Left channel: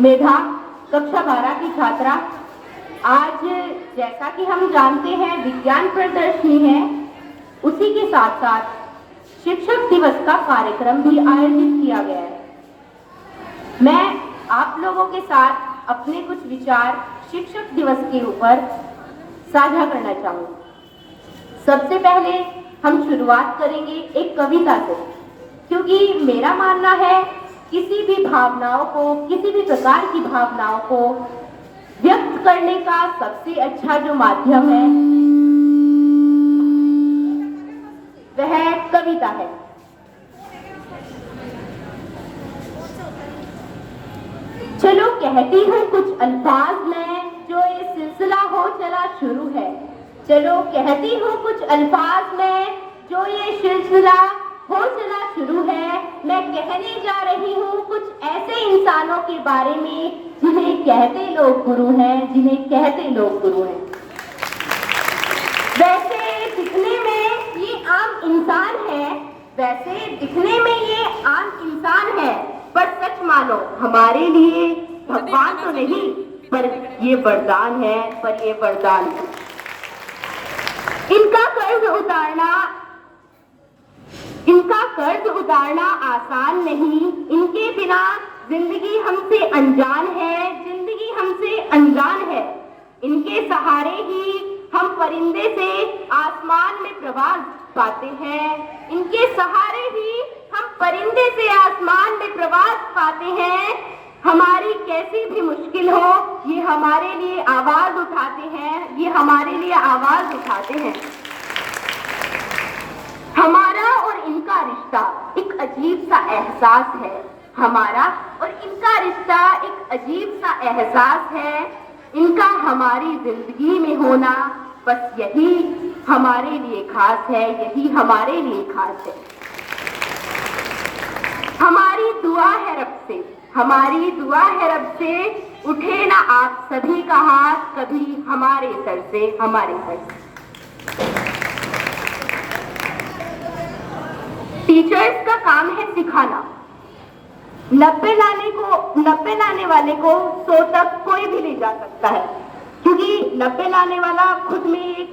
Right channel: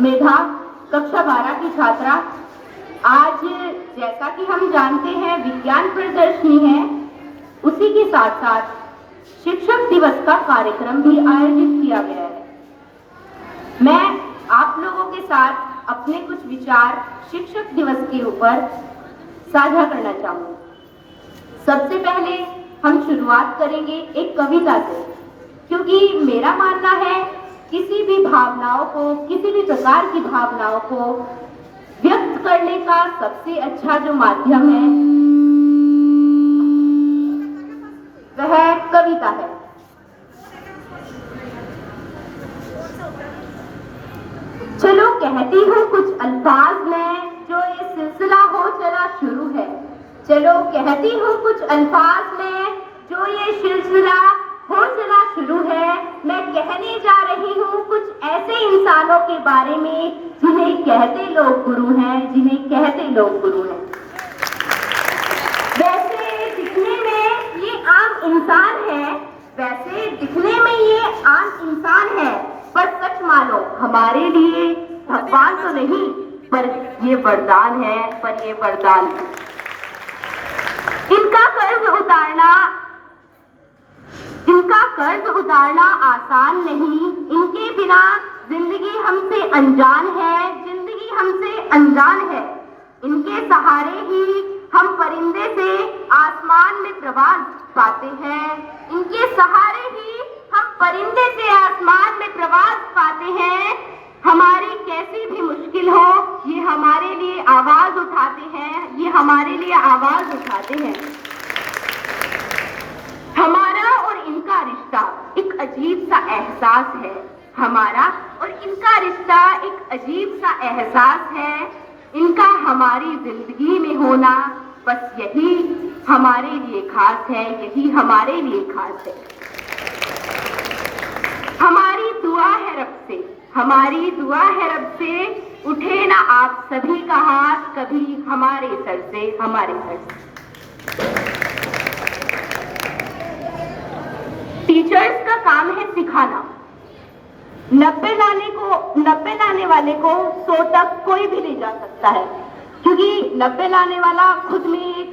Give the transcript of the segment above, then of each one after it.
मेधा, कक्षा 12 की छात्रा। आज जैसा कि हम जानते हैं विज्ञान प्रदर्शनी है, उसी के साथ साथ शिक्षक दिवस का कार्यक्रम भी आयोजित किया गया है। मैं आप लोगों के साथ अपने कुछ विचार शिक्षक दिवस के ऊपर साझा करना चाहूँगी। सबसे पहले हम शुरुआत करेंगे एक कविता से, क्योंकि मेरा मानना है किसी भी भावनाओं को, किसी भी प्रकार की भावनाओं को व्यक्त करने का सबसे अच्छा जो माध्यम है वह कविता है। चलो कहती हूँ कुछ अल्फाज में, जो ये सिलसिला हो चला शुरू है। चलो कहती हूँ कुछ अल्फाज में, जो ये सिलसिला हो चला शुरू है। मैं कहने जा रही हूँ कुछ ऐसे इंसानों के बारे में जिन्हें कहते लोग गुरु हैं, जिन्हें कहते लोग गुरु हैं। वैसे दिखने में ये आम इंसान है, वैसे दिखने में ये आम इंसान है, पर सच मानो हमारे लिए भगवान तो नहीं, पर ये वरदान है, पर ये वरदान है। इनका कर्ज उतारना आसान नहीं, इनके बिना जिंदगी हमसे अनजान है, जिंदगी हमसे अनजान है। इनके सहारे ही हम परिंदे से आसमान में प्रवास पाते हैं, इनके सहारे ही हम परिंदे से आसमान में प्रवास पाते हैं। हमारी कैसी भी मुश्किल हो, ये हमारे लिए आवाज उठाते हैं, ये हमारे लिए आवाज उठाते हैं। हमारा और इनका रिश्ता एक अजीब सा एहसास है, हमारा और इनका रिश्ता एक अजीब सा एहसास है। इनका हमारी जिंदगी में होना बस यही हमारे लिए खास है, यही हमारे लिए खास है। हमारी दुआ है रब से, हमारी दुआ है रब से, उठे ना आप सभी का हाथ कभी हमारे सर से, हमारे सर से। टीचर्स का काम है सिखाना। 90 लाने वाले को 100 तक कोई भी ले जा सकता है, क्योंकि 90 लाने वाला खुद में एक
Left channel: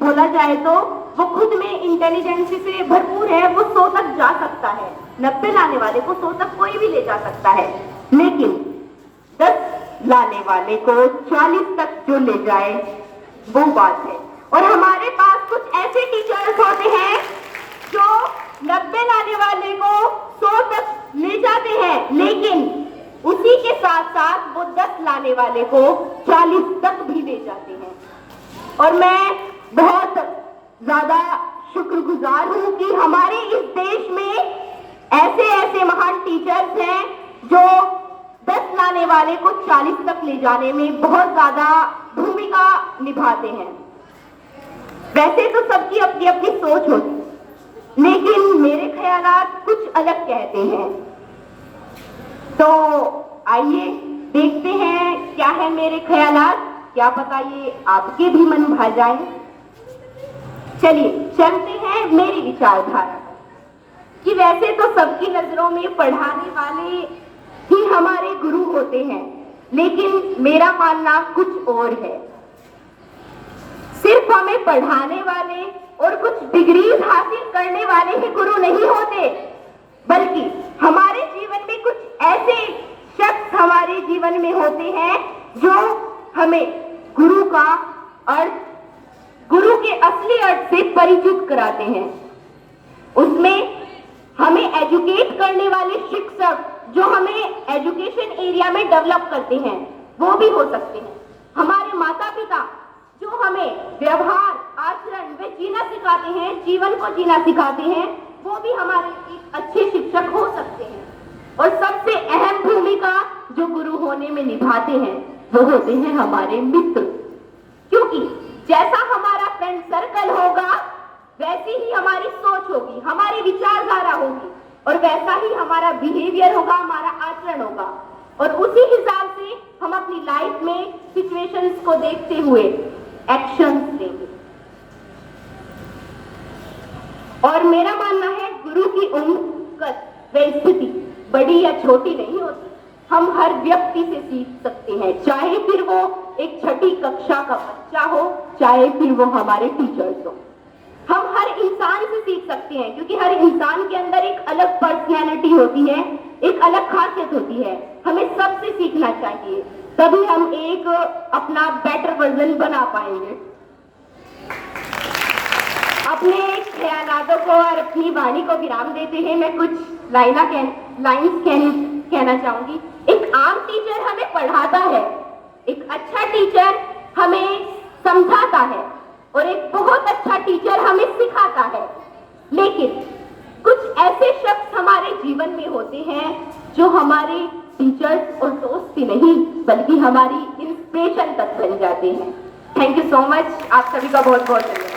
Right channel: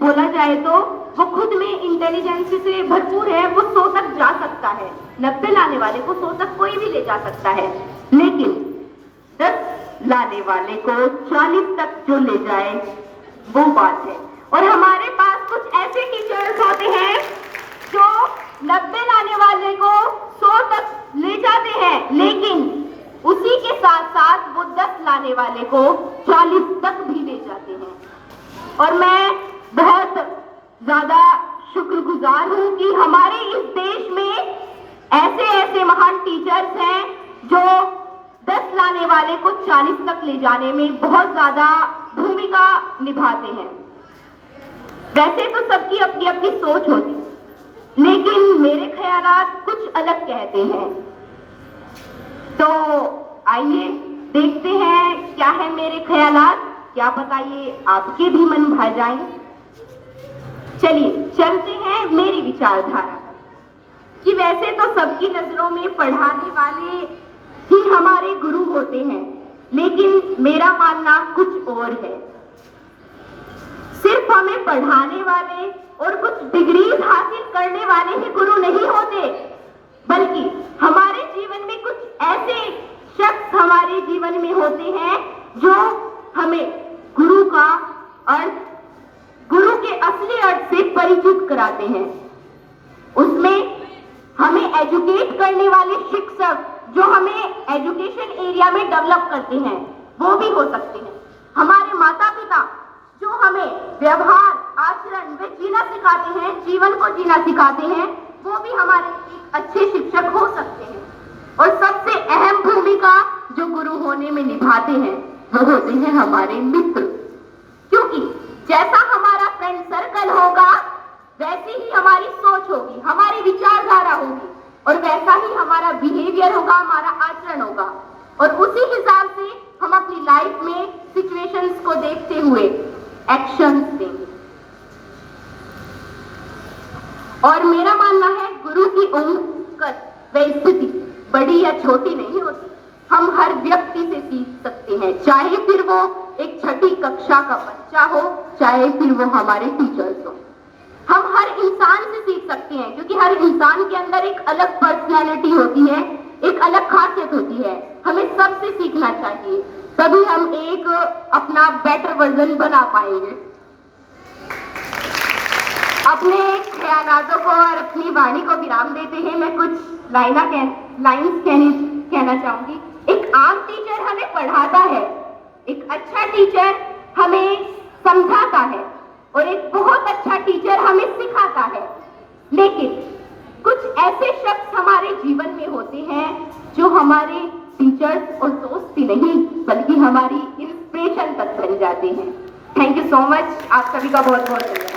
बोला जाए तो वो खुद में इंटेलिजेंस से भरपूर है, वो 100 तक जा सकता है। 90 लाने वाले को 100 तक कोई भी ले जा सकता है, लेकिन 10 लाने वाले को 40 तक जो ले जाए वो बात है। और हमारे पास कुछ ऐसे टीचर्स होते हैं जो 90 लाने वाले को 100 तक ले जाते हैं, लेकिन उसी के साथ साथ वो 10 लाने वाले को 40 तक भी ले जाते हैं। और मैं बहुत ज्यादा शुक्रगुजार हूँ कि हमारे इस देश में ऐसे ऐसे महान टीचर्स हैं जो 10 लाने वाले को 40 तक ले जाने में बहुत ज्यादा भूमिका निभाते हैं। वैसे तो सबकी अपनी अपनी सोच होती है, लेकिन मेरे ख्यालात कुछ अलग कहते हैं। तो आइए देखते हैं क्या है मेरे ख्यालात, क्या पता ये आपके भी मन भा जाए। चलिए चलते हैं मेरी विचारधारा कि वैसे तो सबकी नजरों में पढ़ाने वाले ही हमारे गुरु होते हैं, लेकिन मेरा मानना कुछ और है। सिर्फ हमें पढ़ाने वाले और कुछ डिग्रीज हासिल करने वाले ही गुरु नहीं होते, बल्कि हमारे जीवन में कुछ ऐसे शख्स हमारे जीवन में होते हैं जो हमें गुरु का अर्थ, गुरु के असली अर्थ से परिचित कराते हैं। उसमें हमें एजुकेट करने वाले शिक्षक जो हमें एजुकेशन एरिया में डेवलप करते हैं वो भी हो सकते हैं। हमारे माता पिता जो हमें व्यवहार, आचरण व जीना सिखाते हैं, जीवन को जीना सिखाते हैं, वो भी हमारे एक अच्छे शिक्षक हो सकते हैं। और सबसे अहम भूमिका जो गुरु होने में निभाते हैं वो होते हैं हमारे मित्र, क्योंकि जैसा हमारा फ्रेंड सर्कल होगा वैसी ही हमारी सोच होगी, हमारी विचारधारा होगी, और वैसा ही हमारा बिहेवियर होगा, हमारा आचरण होगा। और उसी हिसाब से हम अपनी लाइफ में सिचुएशंस को देखते हुए एक्शंस देंगे। और मेरा मानना है गुरु की उम्र, कद व स्थिति बड़ी या छोटी नहीं होती। हम हर व्यक्ति से सीख सकते हैं, चाहे फिर वो एक छठी कक्षा का बच्चा हो, चाहे फिर वो हमारे टीचर्स हो। हम हर इंसान से सीख सकते हैं, क्योंकि हर इंसान के अंदर एक अलग पर्सनैलिटी होती है, एक अलग खासियत होती है। हमें सबसे सीखना चाहिए, तभी हम एक अपना बेटर वर्जन बना पाएंगे। अपने ख्यालातों को और अपनी वाणी को विराम देते हैं मैं कुछ लाइन्स कहना चाहूंगी। एक आम टीचर हमें पढ़ाता है, एक अच्छा टीचर हमें समझाता है और एक बहुत अच्छा टीचर हमें सिखाता है। लेकिन कुछ ऐसे शख्स हमारे जीवन में होते हैं जो हमारे टीचर्स और दोस्त ही नहीं बल्कि हमारी इंस्पिरेशन तक बन जाते हैं। Thank you so much. आप सभी का बहुत बहुत धन्यवाद।